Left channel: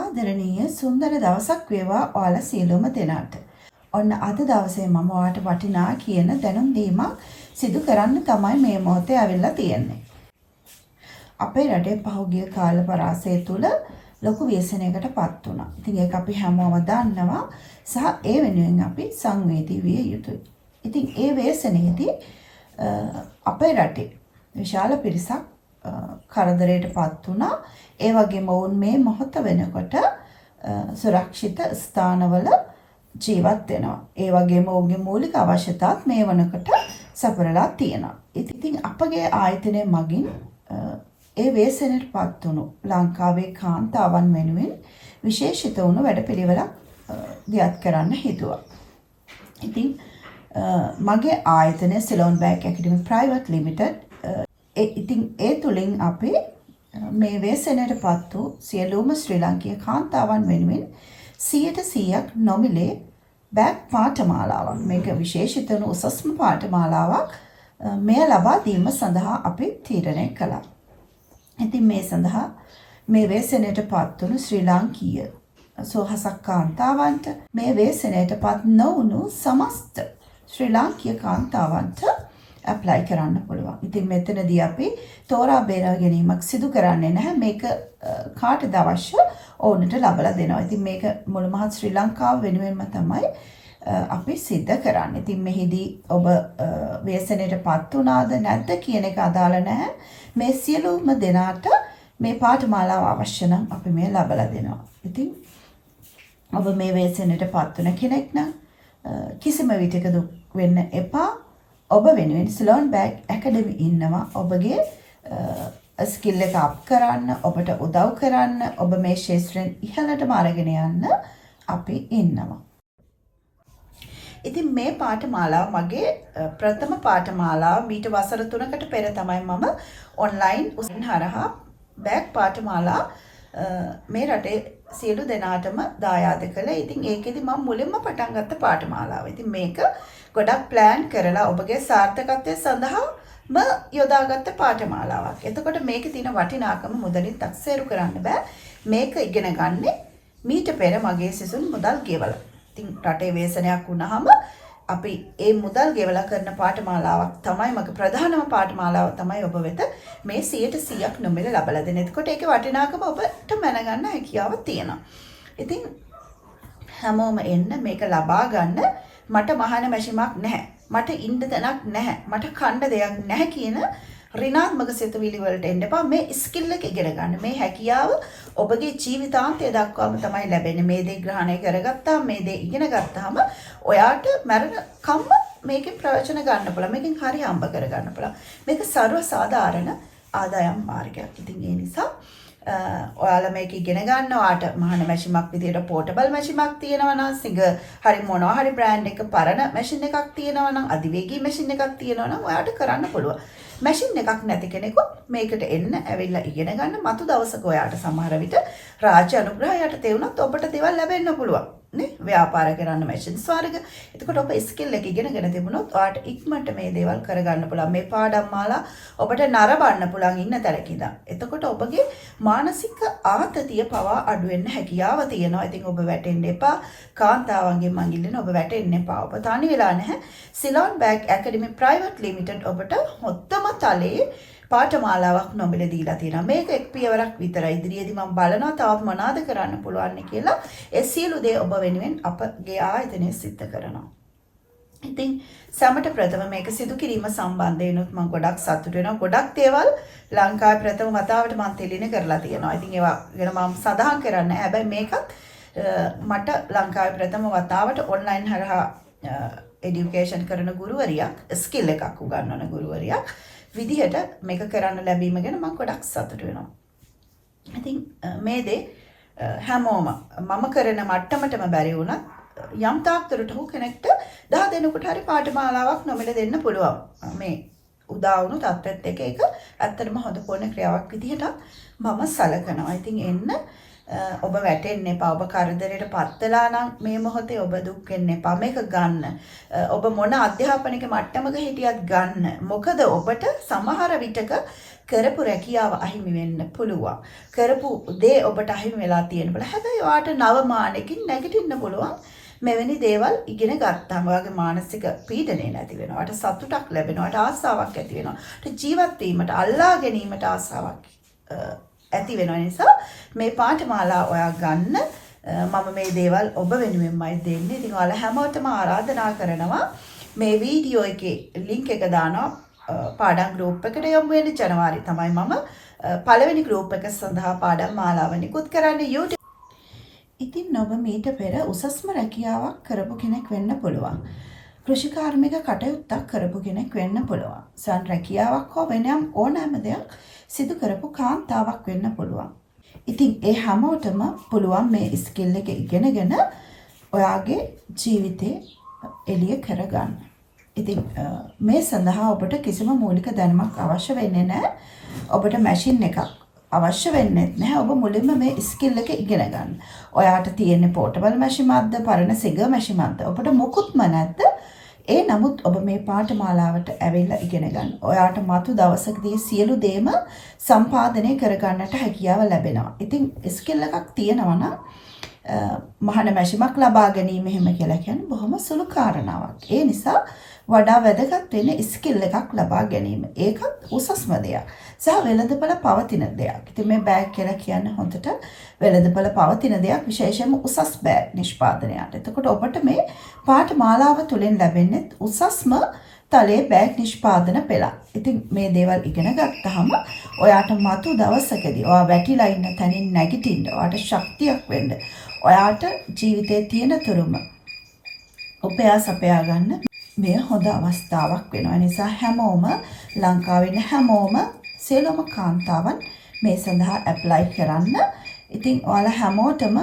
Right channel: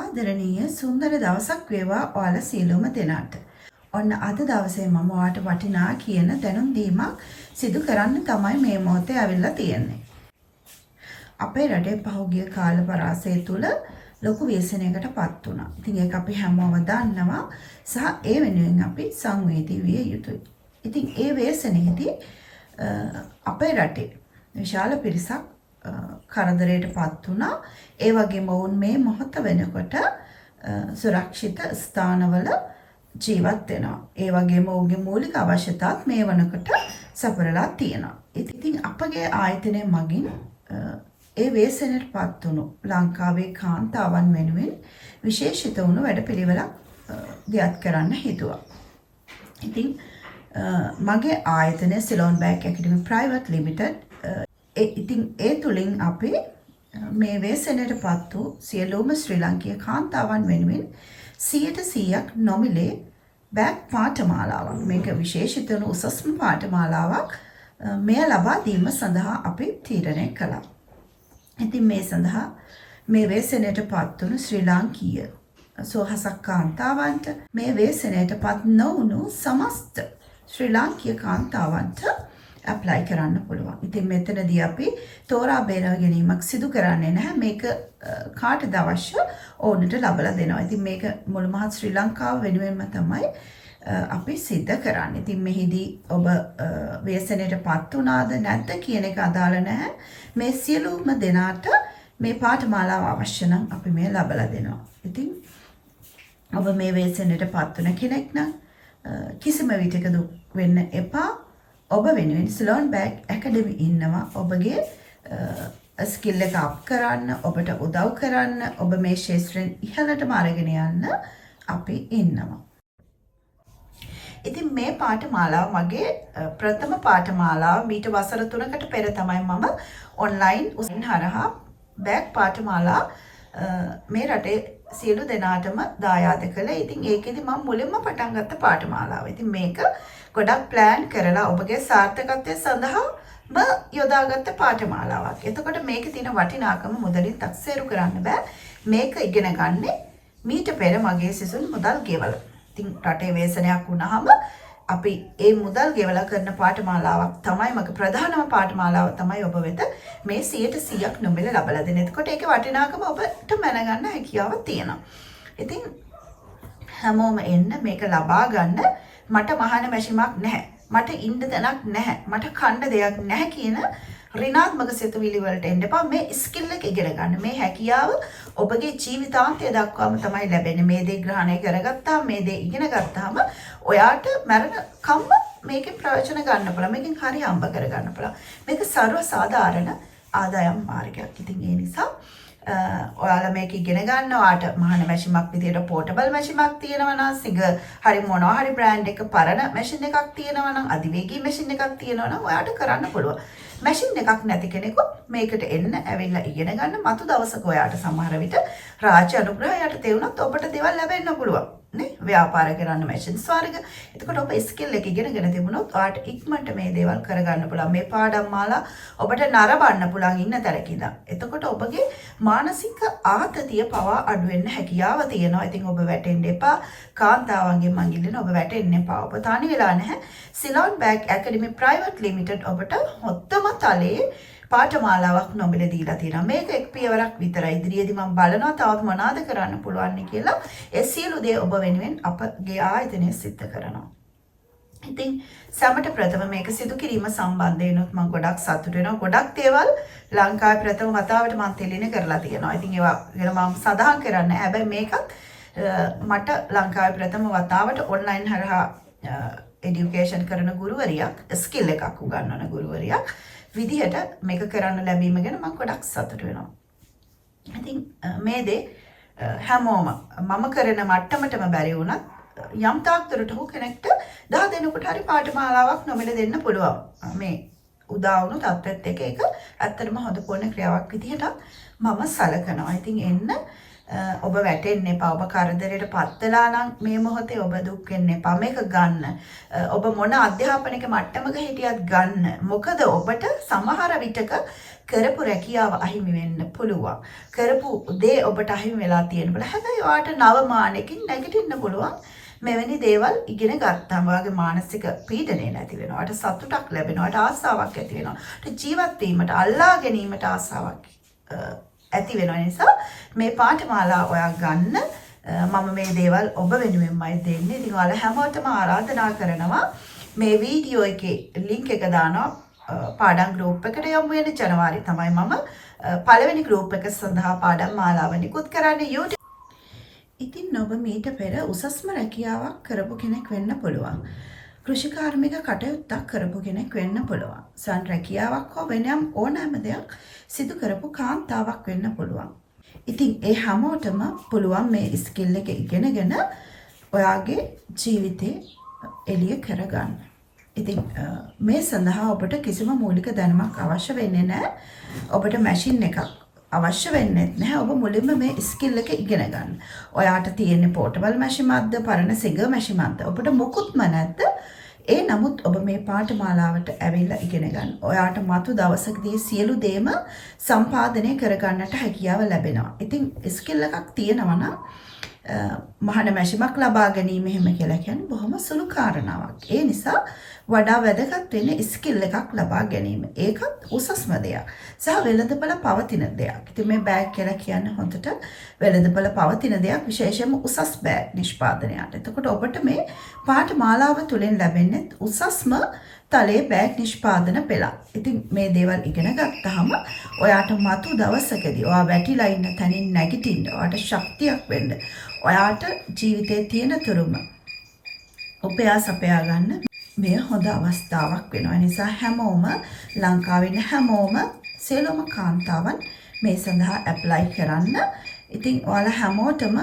ආදරණීය සුන්දර දවසක් වේවා ඔයාලා සියලුම දෙනාට. ඔන්න අද දවසේ මම ඔයාලට වටිනා කියන දැනුම් දීමක් සිදු කරන්න තමයි මේ මොහොතේ ඇවිල්ලා තියෙන්නේ. අපේ රටේ පහුගිය කාල පරාසය තුල ලොකු ව්‍යසනයකටපත් වුණා. ඉතින් ඒක අපි හැමෝම දන්නවා සහ ඒ වෙනුවෙන් අපි සංවේදී විය යුතුයි. ඉතින් ඒ ව්‍යසනයේදී අපේ රටේ විශාල පිරිසක් කරදරයටපත් වුණා. ඒ වගේම වුන් මේ මොහොත වෙනකොට සුරක්ෂිත ස්ථානවල ජීවත් වෙනවා. ඒ වගේම ඔවුන්ගේ මූලික අවශ්‍යතාත් මේ වනකොට සපුරලා තියෙනවා. ඉතින් අපගේ ආයතනය මගින් ඒ ව්‍යසනයටපත් වුණු ලංකාවේ කාන්තාවන් වෙනුවෙන් විශේෂිත වුණු වැඩපිළිවෙලක් දියත් කරන්න හිතුවා. ඉතින් මගේ ආයතනය සිලෝන් බෑග් ඇකඩමි ප්‍රයිවට් ලිමිටඩ්. ඉතින් ඒ තුලින් අපි මේ ව්‍යසනයටපත් වූ සියලුම ශ්‍රී ලාංකීය කාන්තාවන් වෙනුවෙන් 100% නොමිලේ බෑග් පාඨමාලාවක්, මේක විශේෂිත වූ උසස්ම පාඨමාලාවක් මෙය ලබා දීම සඳහා අපි තීරණය කළා. ඉතින් මේ සඳහා මේ ව්‍යසනයටපත් වුණු ශ්‍රී ලාංකීය සෝහසක් කාන්තාවන්ට, මේ ව්‍යසනයටපත් නොවුණු සමස්ත ශ්‍රී ලාංකීය කාන්තාවන්ට ඇප්ලයි කරන්න පුළුවන්. ඉතින් මෙතනදී අපි තෝරා බේරා ගැනීමක් සිදු කරන්නේ නැහැ. මේක කාටද අවශ්‍ය ඕනට ලබලා දෙනවා. ඉතින් මේක මුළු මහත් ශ්‍රී ලංකාව වෙනුවෙන්ම තමයි අපි සිද්ධ කරන්නේ. ඉතින් මෙහිදී ඔබ ව්‍යසනයටපත් වුණාද නැද්ද කියන එක අදාළ නැහැ. මේ සියලුම දෙනාට මේ පාඨමාලාව අවශ්‍ය නම් අපි මේ ලබලා දෙනවා. ඉතින් ඔබ මේ ව්‍යසනයටපත් වුණ කෙනෙක් නම් කිසිම විටක දුක් වෙන්න එපා. ඔබ වෙනුවෙන් සිලෝන් බෑග් ඇකඩමි ඉන්නවා. ඔබගේ ස්කිල් එක අප් කරන්න, ඔබට උදව් කරන්න, ඔබ මේ ශාස්ත්‍රයෙන් ඉහළටම අරගෙන යන්න අපි ඉන්නවා. ඉතින් මේ පාඨමාලාව මගේ ප්‍රථම පාඨමාලාව. මීට වසර 3කට පෙර තමයි මම ඔන්ලයින් උසන් හරහා බෑග් පාඨමාලා මේ රටේ සියලු දෙනාටම දායාද කළේ. ඉතින් ඒකෙදි මම මුලින්ම පටන් ගත්ත පාඨමාලාව. ඉතින් මේක ගොඩක් ප්ලෑන් කරලා ඔබගේ සාර්ථකත්වය සඳහාම යොදාගත්ත පාඨමාලාවක්. එතකොට මේකේ තියෙන වටිනාකම මුදලින් තක්සේරු කරන්න බෑ. මේක ඉගෙන ගන්නේ මීට පෙර මගේ සිසුන් මුදල් ගෙවලා. ඉතින් රටේ ව්‍යසනයක් වුණාම අපි ඒ මුදල් ගෙවලා කරන පාඨමාලාවක් තමයි මගේ ප්‍රධානම පාඨමාලාව තමයි ඔබ වෙත මේ 100% නොමිල ලබලා දෙන්නේ. එතකොට ඒකේ වටිනාකම ඔබට මැනගන්න හැකියාව තියෙනවා. ඉතින් හැමෝම එන්න මේක ලබා ගන්න. මට මහාන මැෂිමක් නැහැ. මට ඉන්න තැනක් නැහැ. මට කණ්ඩ දෙයක් නැහැ කියන ඍණාත්මක සිතුවිලි වලට එන්න එපා. මේ ස්කිල් එක ඉගෙන ගන්න. මේ හැකියාව ඔබගේ ජීවිතාන්තය දක්වාම තමයි ලැබෙන්නේ. මේ දේ ග්‍රහණය කරගත්තාම, මේ දේ ඉගෙන ගත්තාම ඔයාට මරණ කම්ම මේකේ ප්‍රයෝජන ගන්න පුළුවන්. මේකෙන් හරි හම්බ කර ගන්න පුළුවන්. මේක සර්ව සාධාරණ ආදායම් මාර්ගයක්. ඉතින් ඒ නිසා ඔයාලා මේක ඉගෙන ගන්නවාට මහාන මැෂිමක් විදියට පෝටබල් මැෂිමක් තියෙනවා නම්, සිග හරි මොනවා හරි බ්‍රෑන්ඩ් එක පරණ මැෂින් එකක් තියෙනවා නම්, අධිවේගී මැෂින් එකක් තියෙනවා නම් ඔයාට කරන්න පුළුවන්. මැෂින් එකක් නැති කෙනෙකු මේකට එන්න ඇවිල්ලා ඉගෙන ගන්න. මතු දවසක ඔයාට සමහර විට රාජ්‍ය අනුග්‍රහයට තෙවුනොත් ඔබට දේවල් ලැබෙන්න පුළුවන් නේ, ව්‍යාපාර කරන්න මැෂින්ස් වර්ග. එතකොට ඔබ ස්කිල් එක ඉගෙනගෙන තිබුණොත් ඔයාට ඉක්මනට මේ දේවල් කරගන්න පුළුවන්. මේ පාඩම් මාලා ඔබට නරඹන්න පුළුවන් ඉන්න තැනක ඉඳන්. එතකොට ඔබගේ මානසික ආතතිය පවා අඩු වෙන්න හැකියාව තියෙනවා. ඉතින් ඔබ වැටෙන්න එපා. කාන්තාවන්ගේ මංගිල්ලෙන් ඔබ වැටෙන්න එපා. ඔබ තනි වෙලා නැහැ. සිලෝන් බෑග් ඇකඩමි ප්‍රයිවට් ලිමිටඩ් ඔබට හොත්තම තලයේ පාඨමාලාවක් නොමිලේ දීලා තියෙනවා. මේක එක් පියවරක් විතරයි. ඉදිරියේදී මම බලනවා තවත් මොනවාද කරන්න පුළුවන් කියලා. ඒ සියලු දේ ඔබ වෙනුවෙන් අපගේ ආයතනය සිද්ධ කරනවා. ඉතින් සමට ප්‍රථම මේක සිදු කිරීම සම්බන්ධයෙන් මම ගොඩක් සතුටු වෙනවා. ගොඩක් දේවල් ලංකාවේ ප්‍රථම වතාවට මම තෙලින කරලා තියෙනවා. ඉතින් ඒවා ගැන මම සඳහන් කරන්නේ. හැබැයි මේකත් මට ලංකාවේ ප්‍රථම වතාවට ඔන්ලයින් හරහා এডুকেෂන් කරන ගුරුවරියක්, ස්කිල් එකක් උගන්වන ගුරුවරියක් විදිහට මේක කරන්න ලැබීම ගැන මම ගොඩක් සතුටු වෙනවා. ඉතින් මේ දේ හැමෝම මම කරන මට්ටමටම බැරි වුණත් යම් තාක් දුරට හෝ කෙනෙක්ට 10 දෙනෙකුට හරි පාඨමාලාවක් නොමිල දෙන්න පුළුවන්. මේ උදා වුණු තත්ත්වෙත් එක ඇත්තටම හොඳ පොණ ක්‍රියාවක් විදිහට මම සලකනවා. ඉතින් එන්න ඔබ වැටෙන්න එපා. ඔබ කරදරයට පත් වෙලා නම් මේ මොහොතේ ඔබ දුක් වෙන්න එපා. මේක ගන්න. ඔබ මොන අධ්‍යාපනික මට්ටමක හිටියත් ගන්න. මොකද ඔබට සමහර විටක කරපු රැකියාව අහිමි වෙන්න පුළුවන්. කරපු දේ ඔබට අහිමි වෙලා තියෙනකොට හැබැයි ඔයාට නව මානකින් නැගිටින්න පුළුවන්. මෙවැනි දේවල් ඉගෙන ගත්තාම ඔයාගේ මානසික පීඩනය නැති වෙනවා. ඔයාට සතුටක් ලැබෙනවා. ඔයාට ආසාවක් ඇති වෙනවා. ඔයාට ජීවත් වීමට අල්ලා ගැනීමට ආසාවක් ඇති වෙන නිසා මේ පාඨමාලා ඔයා ගන්න. මම මේ දේවල් ඔබ වෙනුවෙන්මයි දෙන්නේ. ඉතින් ඔයාලා හැමෝටම ආරාධනා කරනවා මේ වීඩියෝ එකේ link එක දානවා පාඩම් group එකට යමු වෙන ජනවාරි තමයි මම පළවෙනි group එක සඳහා පාඩම් මාලාව නිකුත් කරන්නේ YouTube. ඉතින් ඔබ මීට පෙර උසස්ම රැකියාවක් කරපු කෙනෙක් වෙන්න පුළුවන්. කෘෂිකාර්මික කටයුත්තක් කරපු කෙනෙක් වෙන්න පුළුවන්. සන් රැකියාවක් හෝ වෙනම ඕනෑම දෙයක් සිදු කරපු කාන්තාවක් වෙන්න පුළුවන්. ඉතින් ඒ හැමෝටම පුළුවන් මේ ස්කිල් එක ඉගෙනගෙන ඔයාගේ ජීවිතේ එළිය කරගන්න. ඉතින් මේ සඳහා ඔබට කිසිම මූලික දැනුමක් අවශ්‍ය වෙන්නේ නැහැ. ඔබට මැෂින් එකක් අවශ්‍ය වෙන්නේ නැහැ. ඔබ මුලින්ම මේ ස්කිල් එක ඉගෙන ගන්න. ඔයාට තියෙන පෝටබල් මැෂිමක්ද පරණ සිඟ මැෂිමක්ද ඔබට මොකුත්ම නැද්ද? ඒ නමුත් ඔබ මේ පාඨමාලාවට ඇවිල්ලා ඉගෙන ගන්න. ඔයාට මතු දවසකදී සියලු දේම සම්පාදනය කරගන්නට හැකියාව ලැබෙනවා. ඉතින් ස්කිල් එකක් තියෙනවා නම් මහාන මැෂිමක් ලබා ගැනීම එහෙම කියලා කියන්නේ බොහොම සුළු කාරණාවක්. ඒ නිසා වඩා වැදගත් වෙන්නේ ස්කිල් එකක් ලබා ගැනීම. ඒකත් උසස්ම දෙයක්. සහ වෙළඳපළ පවතින දෙයක්. ඉතින් මේ බෑග් කියලා කියන්නේ හොඳට වෙළඳපළ පවතින දෙයක්, විශේෂයෙන්ම උසස් බෑග් නිෂ්පාදනයට. එතකොට ඔබට මේ පාඨමාලාව තුළින් ලැබෙන්නේ උසස්ම තලයේ බෑග් නිෂ්පාදන පෙළ. ඉතින් මේ දේවල් ඉගෙන ගත්තාම ඔයාට මතු දවසකදී ඔයා වැටිලා ඉන්න තැනින් නැගිටින්න, ඔයාට ශක්තියක් වෙන්න, ඔයාට ජීවිතයේ තියෙන තුරුම උපයා සපයා ගන්න මේ හොඳ අවස්ථාවක් වෙනවා. නිසා හැමෝම ලංකාවේ ඉන්න හැමෝම සියලුම කාන්තාවන් මේ සඳහා ඇප්ලයි කරන්න. ඉතින් ඔයාලා හැමෝටම